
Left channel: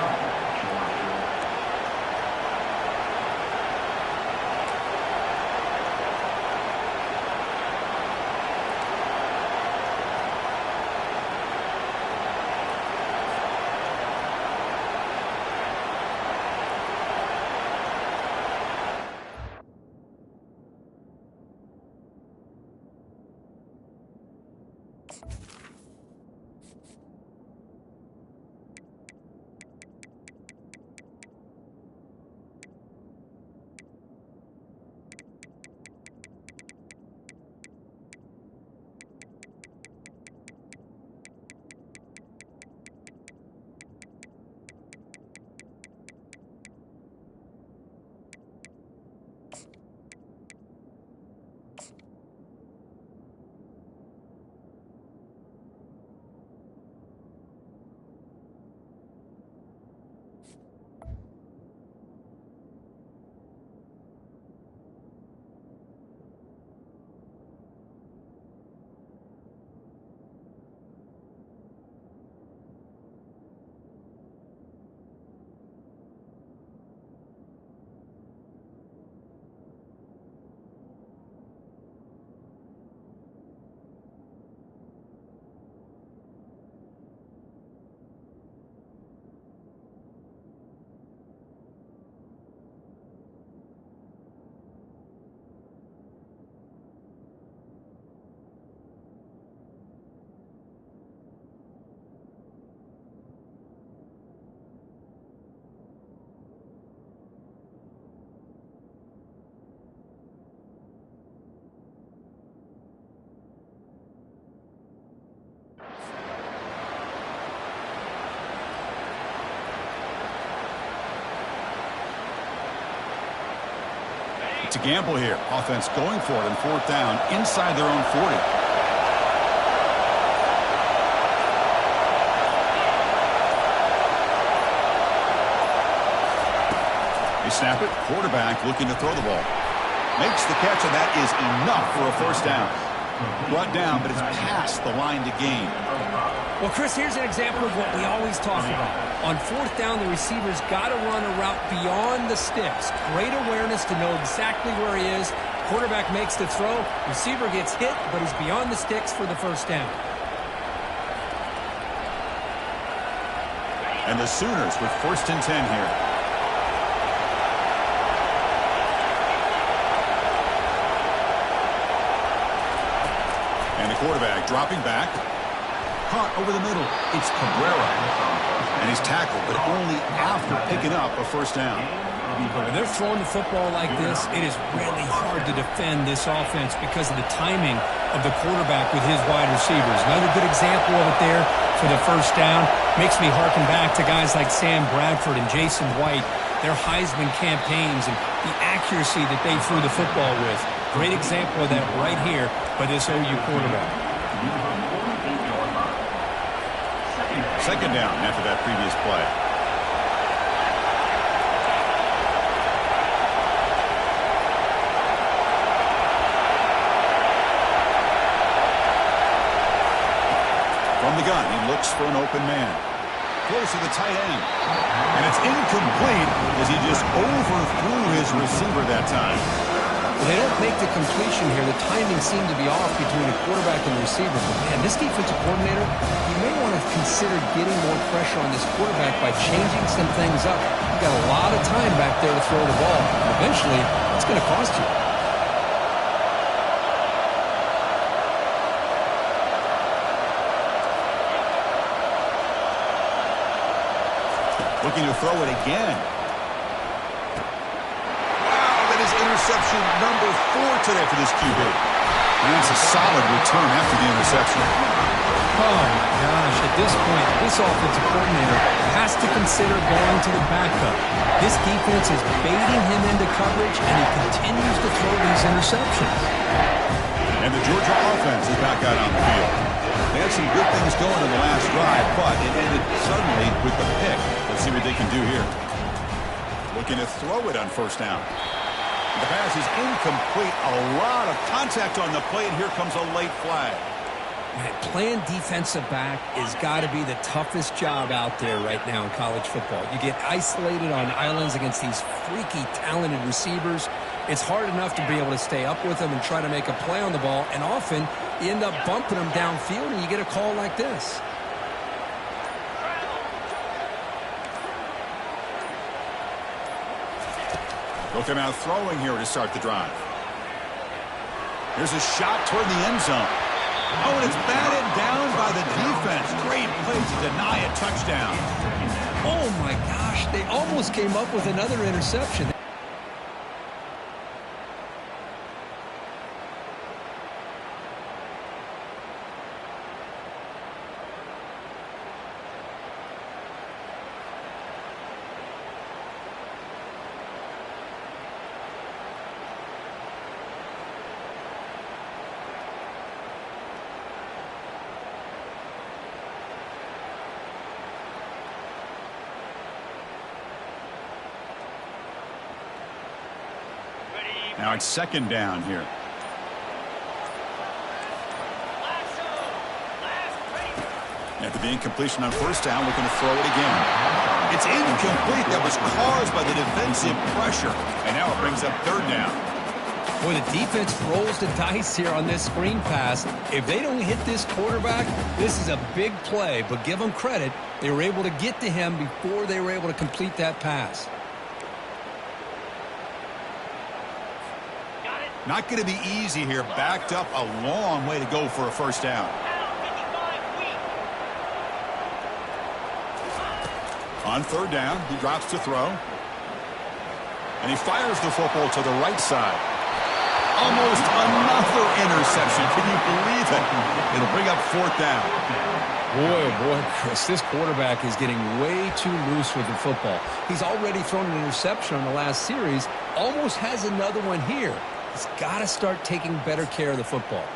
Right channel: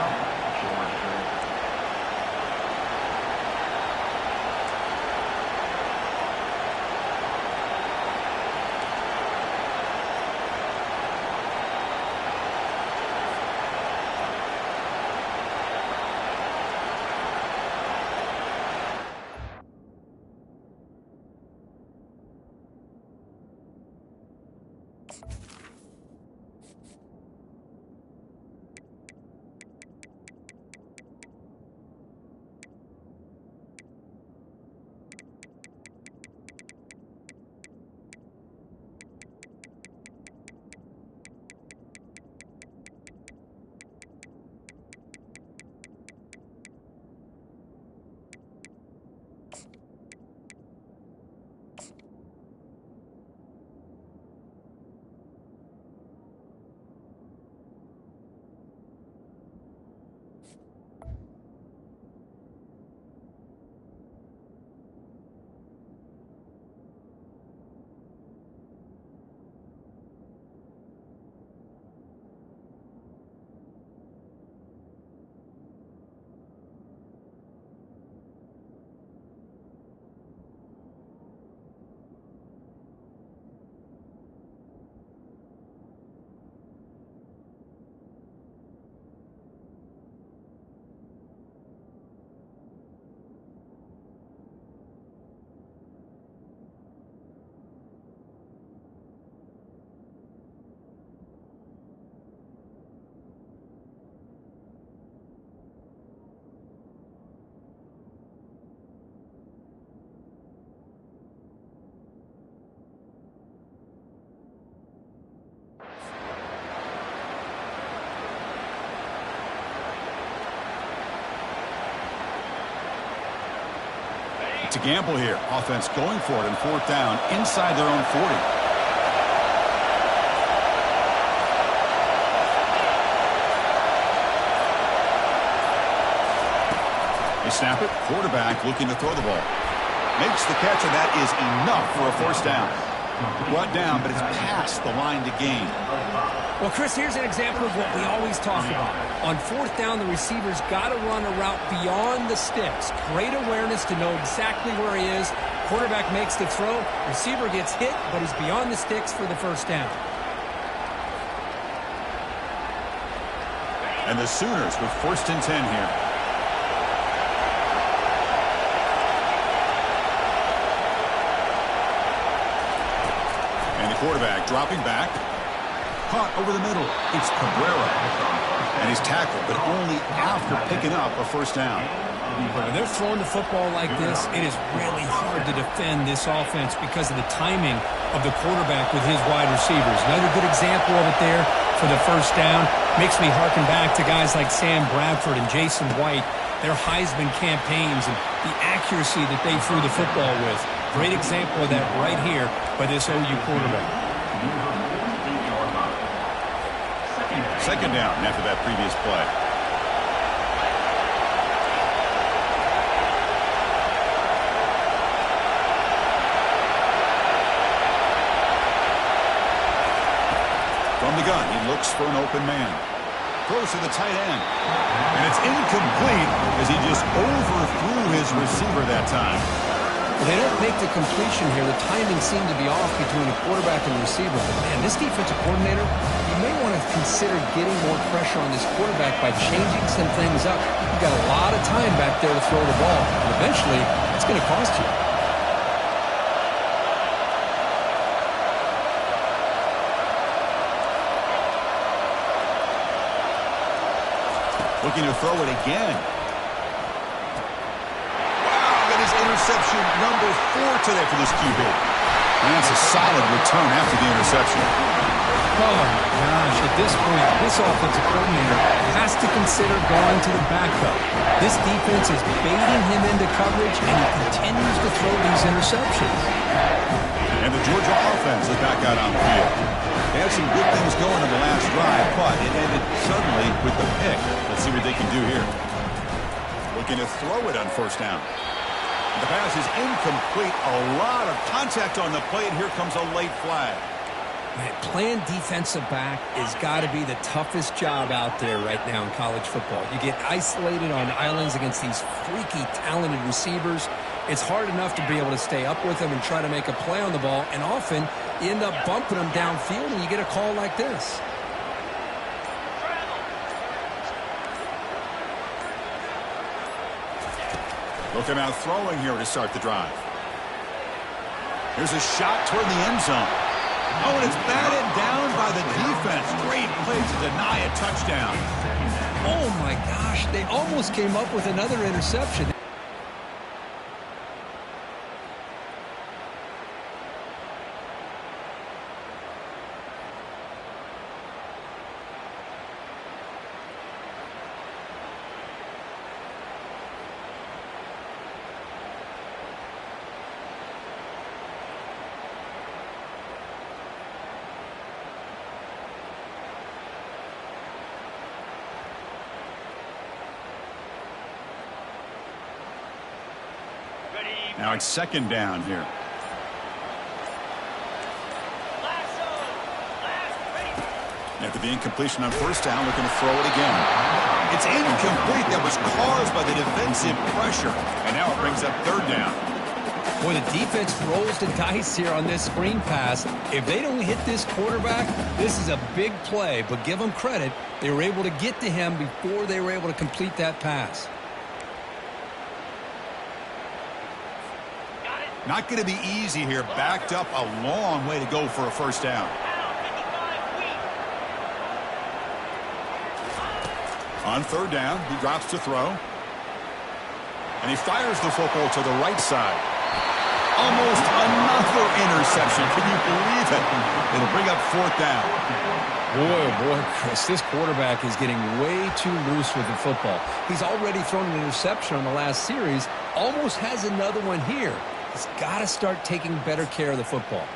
to gamble here. Offense going for it on 4th down inside their own 40. They snap it. Quarterback looking to throw the ball. Makes the catch, and that is enough for a 1st down. Brought down, but it's past the line to gain. Well, Chris, here's an example of what we always talk about. On 4th down, the receiver's got to run a route beyond the sticks. Great awareness to know exactly where he is. Quarterback makes the throw. Receiver gets hit, but he's beyond the sticks for the 1st down. And the Sooners with 1st and 10 here. And the quarterback dropping back. Caught over the middle. It's Cabrera. And he's tackled, but only after picking up a 1st down. When they're throwing the football like this, it is really hard to defend this offense because of the timing of the quarterback with his wide receivers. Another good example of it there for the 1st down. Makes me harken back to guys like Sam Bradford and Jason White, their Heisman campaigns and the accuracy that they threw the football with. Great example of that right here by this OU quarterback. 2nd down after that previous play. From the gun, he looks for an open man. Throws to the tight end. And it's incomplete as he just overthrew his receiver that time. Well, they don't make the completion here. The timing seemed to be off between the quarterback and the receiver. But, man, this defensive coordinator, he may want to consider getting more pressure on this quarterback by changing some things up. You've got a lot of time back there to throw the ball. And eventually, it's going to cost you. Looking to throw it again. Interception number 4 today for this QB. And that's a solid return after the interception. Oh, my gosh. At this point, this offensive coordinator has to consider going to the backup. This defense is baiting him into coverage, and he continues to throw these interceptions. And the Georgia offense is back out on the field. They had some good things going in the last drive, but it ended suddenly with the pick. Let's see what they can do here. Looking to throw it on 1st down. The pass is incomplete. A lot of contact on the play, and here comes a late flag. Man, playing defensive back has got to be the toughest job out there right now in college football. You get isolated on islands against these freaky, talented receivers. It's hard enough to be able to stay up with them and try to make a play on the ball, and often you end up bumping them downfield, and you get a call like this. Looking out throwing here to start the drive. Here's a shot toward the end zone. Oh, and it's batted down by the defense. Great play to deny a touchdown. Oh, my gosh. They almost came up with another interception. Now it's 2nd down here. After the incompletion on 1st down, looking to throw it again. It's incomplete. That was caused by the defensive pressure. And now it brings up 3rd down. Boy, the defense rolls the dice here on this screen pass. If they don't hit this quarterback, this is a big play. But give them credit. They were able to get to him before they were able to complete that pass. Not going to be easy here. Backed up a long way to go for a 1st down. On 3rd down, he drops to throw. And he fires the football to the right side. Almost another interception. Can you believe it? It'll bring up 4th down. Boy, oh boy, Chris, this quarterback is getting way too loose with the football. He's already thrown an interception on the last series, almost has another one here. He's got to start taking better care of the football.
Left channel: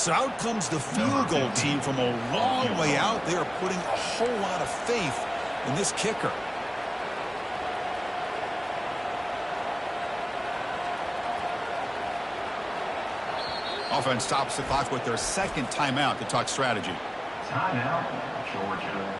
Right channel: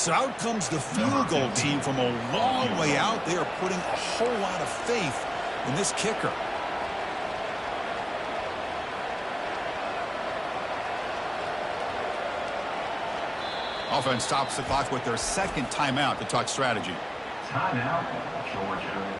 So out comes the field goal team from a long way out. They are putting a whole lot of faith in this kicker. Offense stops the clock with their 2nd timeout to talk strategy. Timeout, Georgia.